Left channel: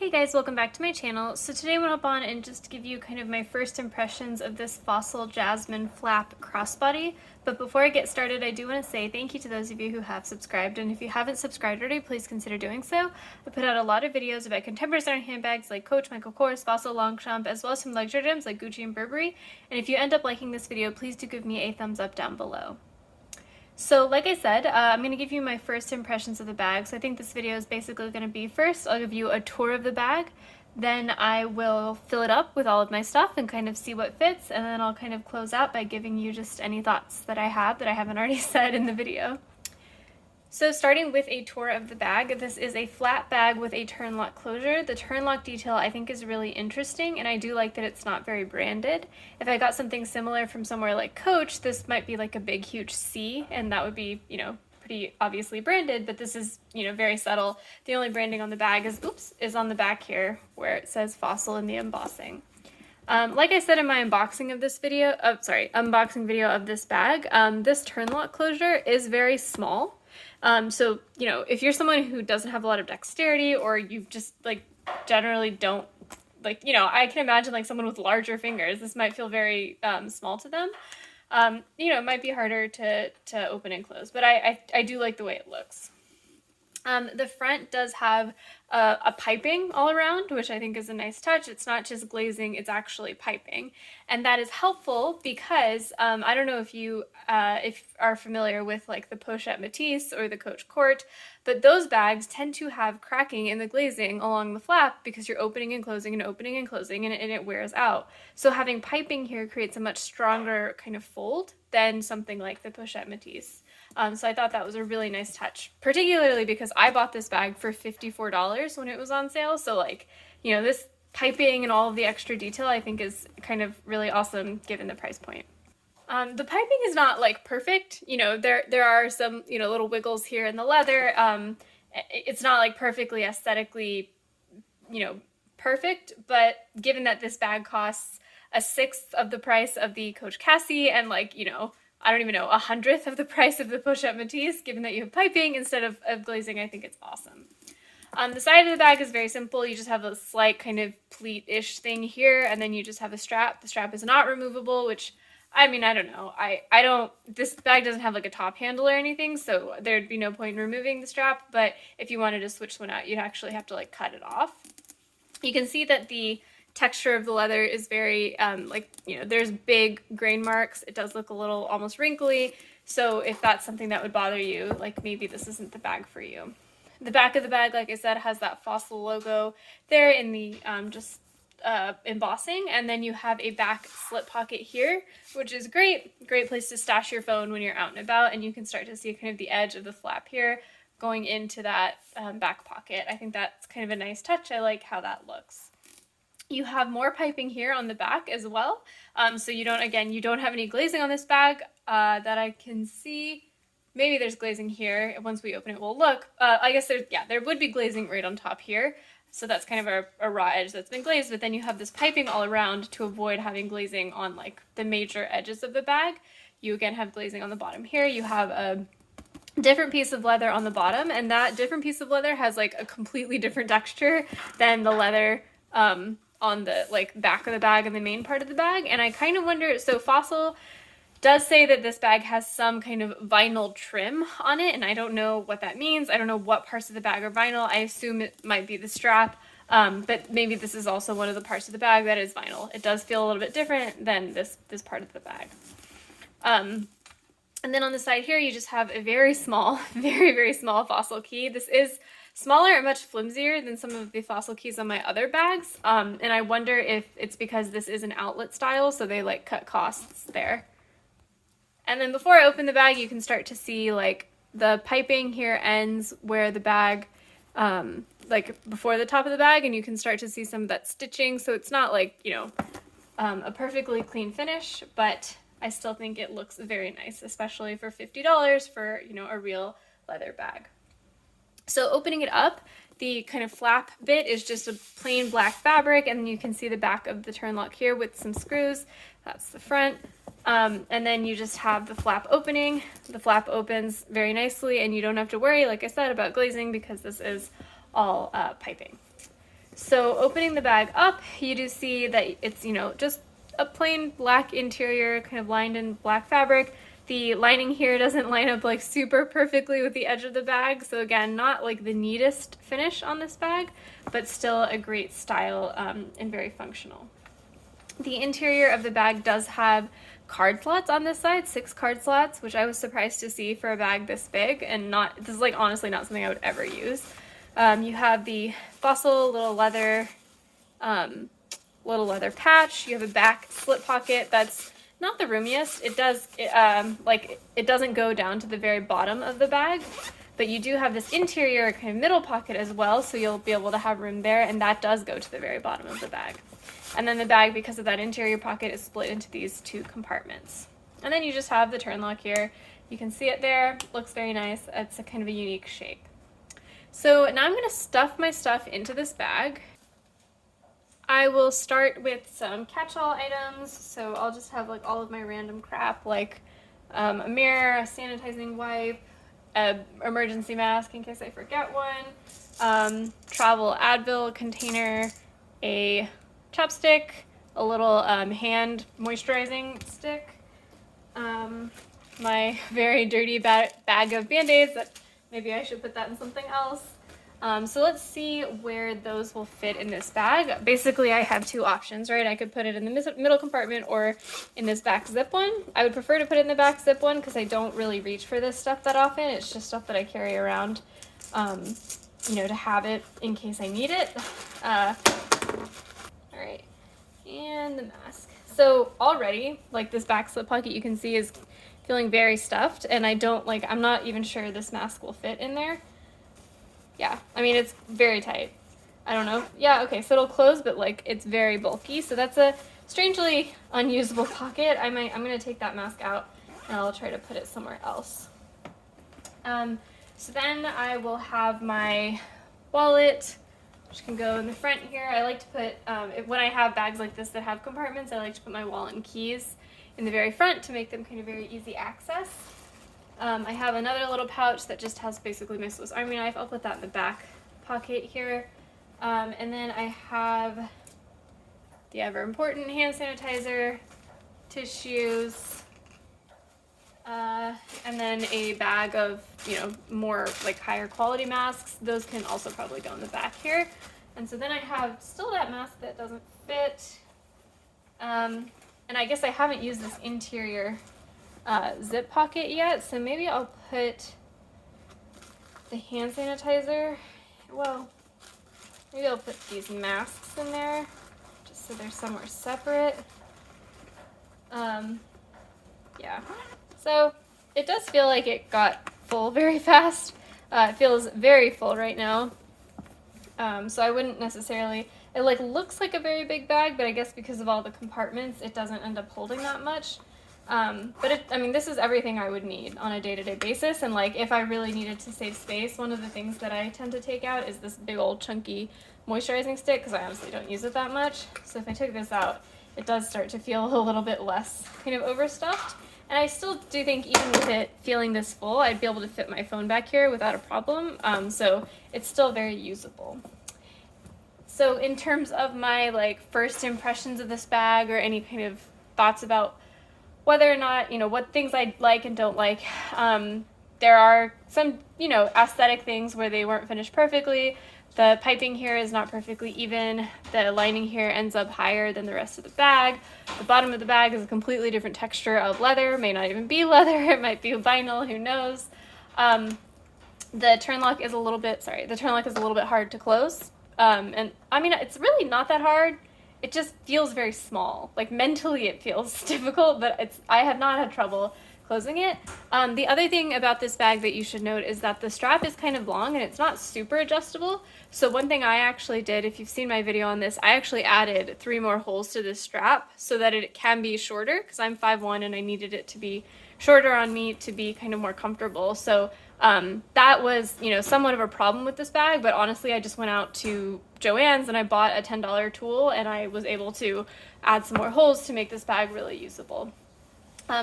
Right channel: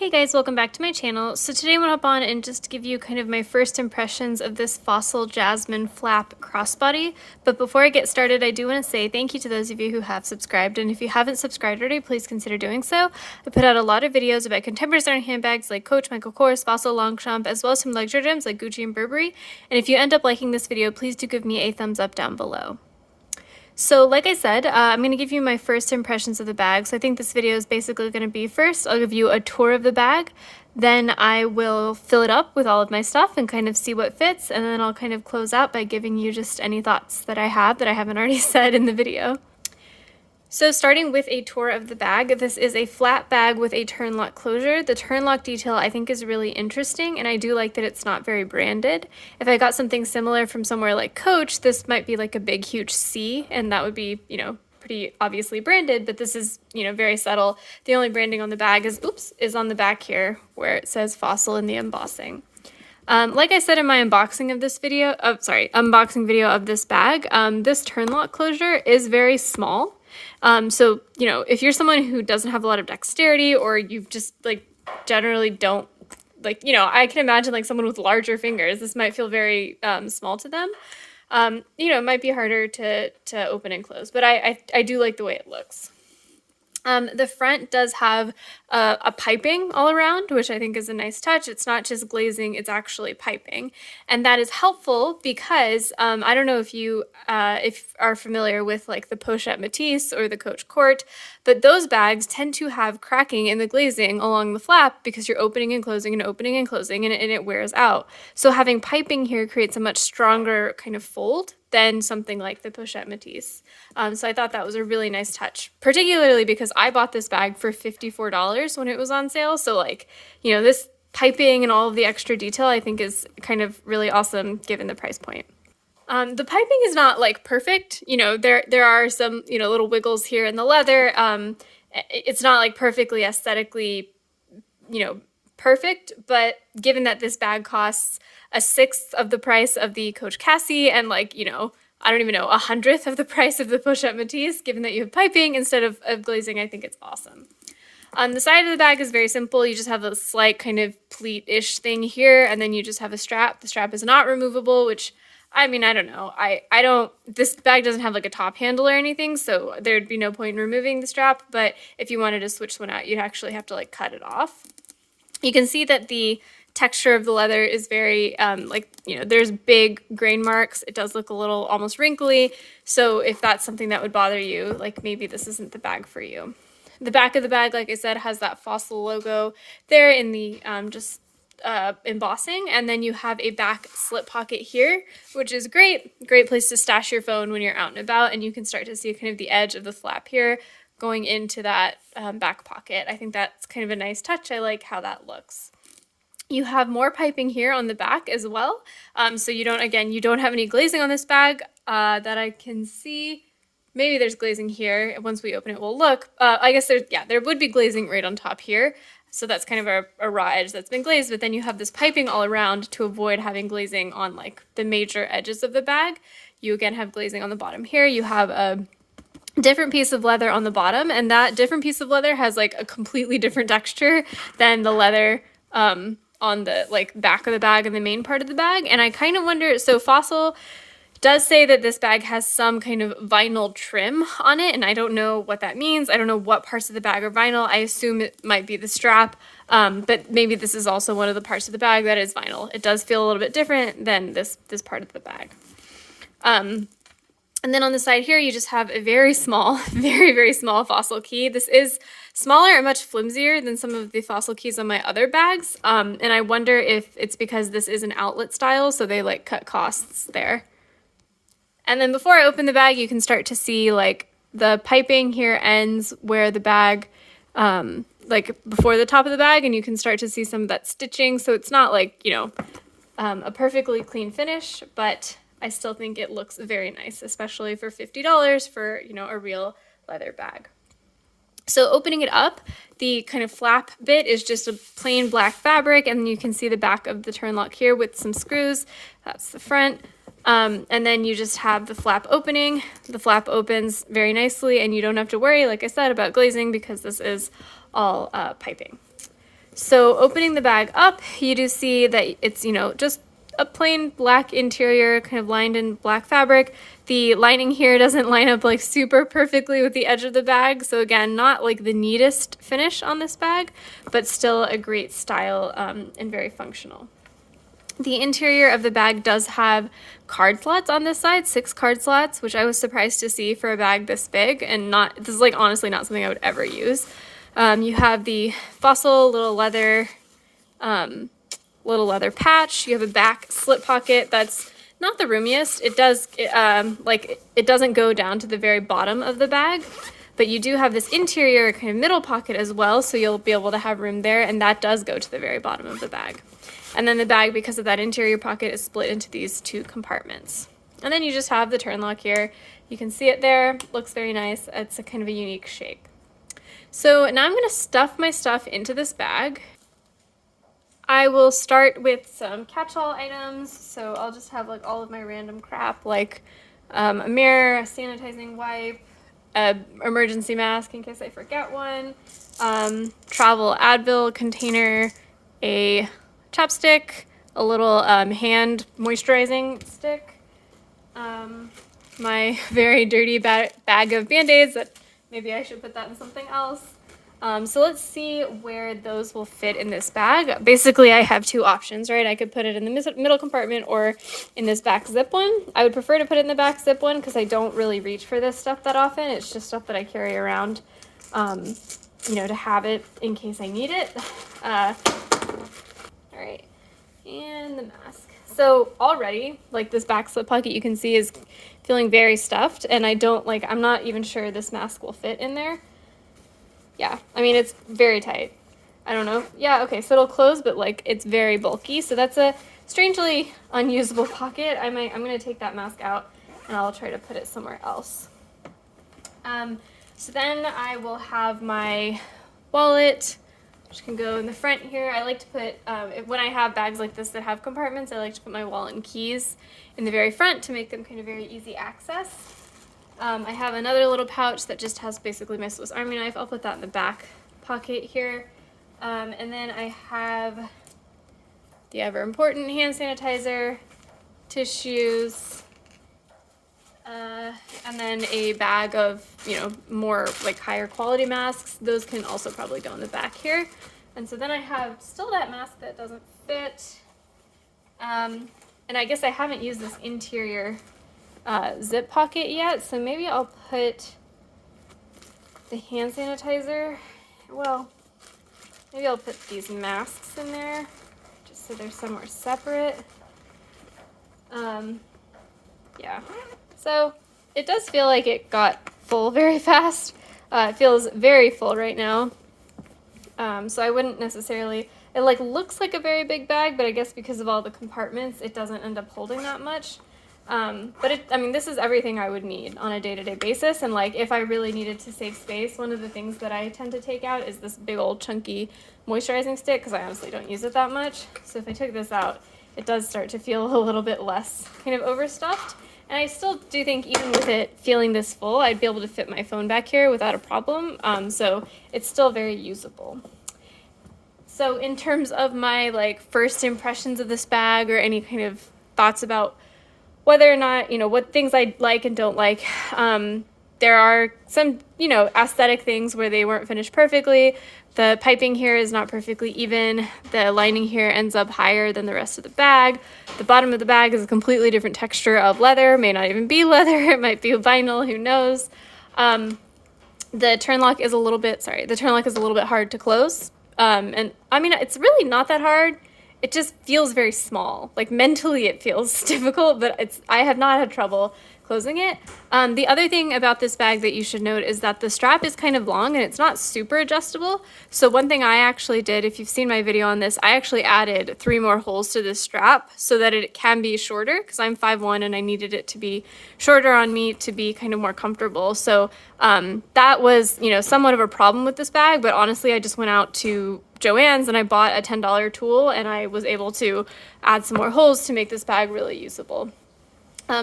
Hey guys, welcome back to my channel. So today I'm going to hop on and just give you kind of my first impressions of this Fossil Jasmine flap crossbody. But before I get started, I do want to say thank you to those of you who have subscribed. And if you haven't subscribed already, please consider doing so. I put out a lot of videos about contemporary design handbags like Coach, Michael Kors, Fossil, Longchamp, as well as some luxury gems like Gucci and Burberry. And if you end up liking this video, please do give me a thumbs up down below. So like I said, I'm going to give you my first impressions of the bag. So I think this video is basically going to be first, I'll give you a tour of the bag, then I will fill it up with all of my stuff and kind of see what fits, and then I'll kind of close out by giving you just any thoughts that I have that I haven't already said in the video. So starting with a tour of the bag, this is a flat bag with a turn lock closure. The turn lock detail I think is really interesting, and I do like that it's not very branded. If I got something similar from somewhere like Coach, this might be like a big huge C, and that would be, pretty obviously branded, but this is, very subtle. The only branding on the bag is on the back here where it says Fossil in the embossing. Like I said in my unboxing video of this bag, this turn lock closure is very small. So, if you're someone who doesn't have a lot of dexterity, or you just generally don't I can imagine someone with larger fingers, this might feel very small to them. It might be harder to open and close, but I do like the way it looks. The front does have a piping all around, which I think is a nice touch. It's not just glazing, it's actually piping. And that is helpful because I don't know if you are familiar with the Pochette Matisse or the Coach Court, but those bags tend to have cracking in the glazing along the flap because you're opening and closing and opening and closing, and it wears out. So having piping here creates a much stronger kind of fold than something like the Pochette Matisse. So I thought that was a really nice touch, particularly because I bought this bag for $54 when it was on sale. So this piping and all of the extra detail I think is kind of really awesome given the price point. The piping is not perfect. There are some, little wiggles here in the leather. It's not perfectly aesthetically, perfect, but given that this bag costs a sixth of the price of the Coach Cassie and I don't even know, 100th of the price of the Pochette Matisse, given that you have piping instead of glazing, I think it's awesome. The side of the bag is very simple. You just have a slight kind of pleat-ish thing here, and then you just have a strap. The strap is not removable, which, I don't know. This bag doesn't have a top handle or anything, so there'd be no point in removing the strap, but if you wanted to switch one out, you'd actually have to cut it off. You can see that the texture of the leather is very, there's big grain marks. It does look a little almost wrinkly. So if that's something that would bother you, maybe this isn't the bag for you. The back of the bag, like I said, has that Fossil logo there in the embossing. And then you have a back slip pocket here, which is great. Great place to stash your phone when you're out and about. And you can start to see kind of the edge of the flap here going into that back pocket. I think that's kind of a nice touch. I like how that looks. You have more piping here on the back as well. So you don't have any glazing on this bag that I can see. Maybe there's glazing here. Once we open it, we'll look. I guess there would be glazing right on top here. So that's kind of a raw edge that's been glazed, but then you have this piping all around to avoid having glazing on the major edges of the bag. You again have glazing on the bottom here. You have a different piece of leather on the bottom, and that different piece of leather has a completely different texture than the leather on the back of the bag and the main part of the bag. And I kind of wonder, so Fossil does say that this bag has some kind of vinyl trim on it, and I don't know what that means. I don't know what parts of the bag are vinyl. I assume it might be the strap, but maybe this is also one of the parts of the bag that is vinyl. It does feel a little bit different than this part of the bag. And then on the side here, you just have a very small, very, very small Fossil key. This is smaller and much flimsier than some of the Fossil keys on my other bags. And I wonder if it's because this is an outlet style, so they cut costs there. And then before I open the bag, you can start to see the piping here ends where the bag, before the top of the bag, and you can start to see some of that stitching. So it's not a perfectly clean finish, but I still think it looks very nice, especially for $50 for, a real leather bag. So opening it up, the kind of flap bit is just a plain black fabric, and you can see the back of the turn lock here with some screws. That's the front. And then you just have the flap opening. The flap opens very nicely, and you don't have to worry, like I said, about glazing because this is all piping. So opening the bag up, you do see that it's, you know, just a plain black interior, kind of lined in black fabric. The lining here doesn't line up like super perfectly with the edge of the bag. So again, not like the neatest finish on this bag, but still a great style and very functional. The interior of the bag does have card slots on this side, 6 card slots, which I was surprised to see for a bag this big, and this is like honestly not something I would ever use. You have the Fossil little leather patch. You have a back slip pocket that's not the roomiest. It doesn't go down to the very bottom of the bag, but you do have this interior kind of middle pocket as well, so you'll be able to have room there, and that does go to the very bottom of the bag. And then the bag, because of that interior pocket, is split into these 2 compartments. And then you just have the turn lock here. You can see it there. Looks very nice. It's a kind of a unique shape. So now I'm going to stuff my stuff into this bag. I will start with some catch-all items. So I'll just have like all of my random crap, like a mirror, a sanitizing wipe, an emergency mask in case I forget one, travel Advil container, a chapstick, a little hand moisturizing stick, my very dirty bag of Band-Aids that maybe I should put that in something else. So let's see where those will fit in this bag. Basically, I have 2 options, right? I could put it in the middle compartment or in this back zip one. I would prefer to put it in the back zip one because I don't really reach for this stuff that often. It's just stuff that I carry around, you know, to have it in case I need it. All right, and the mask. So already, like this back slip pocket you can see is feeling very stuffed, and I'm not even sure this mask will fit in there. Yeah, I mean, it's very tight. I don't know. Yeah, okay, so it'll close, but like it's very bulky. So that's a strangely unusable pocket. I'm gonna take that mask out and I'll try to put it somewhere else. So then I will have my wallet, which can go in the front here. I like to put, when I have bags like this that have compartments, I like to put my wallet and keys in the very front to make them kind of very easy access. I have another little pouch that just has basically my Swiss Army knife. I'll put that in the back pocket here. And then I have the ever important hand sanitizer, tissues, and then a bag of, you know, more like higher quality masks. Those can also probably go in the back here. And so then I have still that mask that doesn't fit. And I guess I haven't used this interior zip pocket yet, so maybe I'll put the hand sanitizer, well, maybe I'll put these masks in there just so they're somewhere separate. Yeah, so it does feel like it got full very fast. It feels very full right now, so I wouldn't necessarily, it like looks like a very big bag, but I guess because of all the compartments it doesn't end up holding that much. But I mean, this is everything I would need on a day-to-day basis, and like if I really needed to save space, one of the things that I tend to take out is this big old chunky moisturizing stick, because I honestly don't use it that much. So if I took this out, it does start to feel a little bit less kind of overstuffed. And I still do think even with it feeling this full, I'd be able to fit my phone back here without a problem. So it's still very usable. So in terms of my like first impressions of this bag or any kind of thoughts about whether or not, you know, what things I like and don't like, there are some, you know, aesthetic things where they weren't finished perfectly. The piping here is not perfectly even. The lining here ends up higher than the rest of the bag. The bottom of the bag is a completely different texture of leather, may not even be leather, it might be vinyl, who knows. The turn lock is a little bit hard to close. And I mean, it's really not that hard. It just feels very small. Like mentally it feels difficult, but I have not had trouble closing it. The other thing about this bag that you should note is that the strap is kind of long and it's not super adjustable. So one thing I actually did, if you've seen my video on this, I actually added 3 more holes to this strap so that it can be shorter, because I'm 5'1" and I needed it to be shorter on me to be kind of more comfortable. So that was, you know, somewhat of a problem with this bag, but honestly I just went out to Joann's and I bought a $10 tool and I was able to add some more holes to make this bag really usable.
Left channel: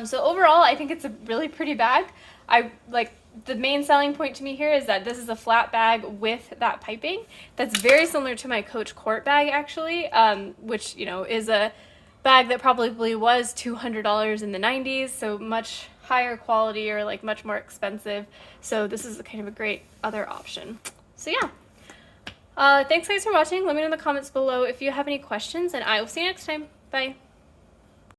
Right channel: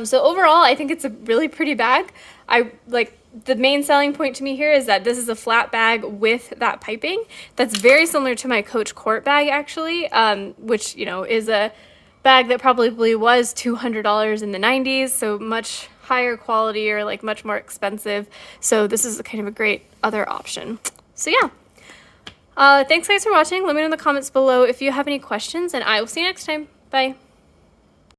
So overall, I think it's a really pretty bag. I like the main selling point to me here is that this is a flat bag with that piping that's very similar to my Coach Court bag, actually, which, you know, is a bag that probably was $200 in the 90s, so much higher quality or like much more expensive. So this is kind of a great other option. So yeah. Thanks guys for watching. Let me know in the comments below if you have any questions, and I will see you next time. Bye.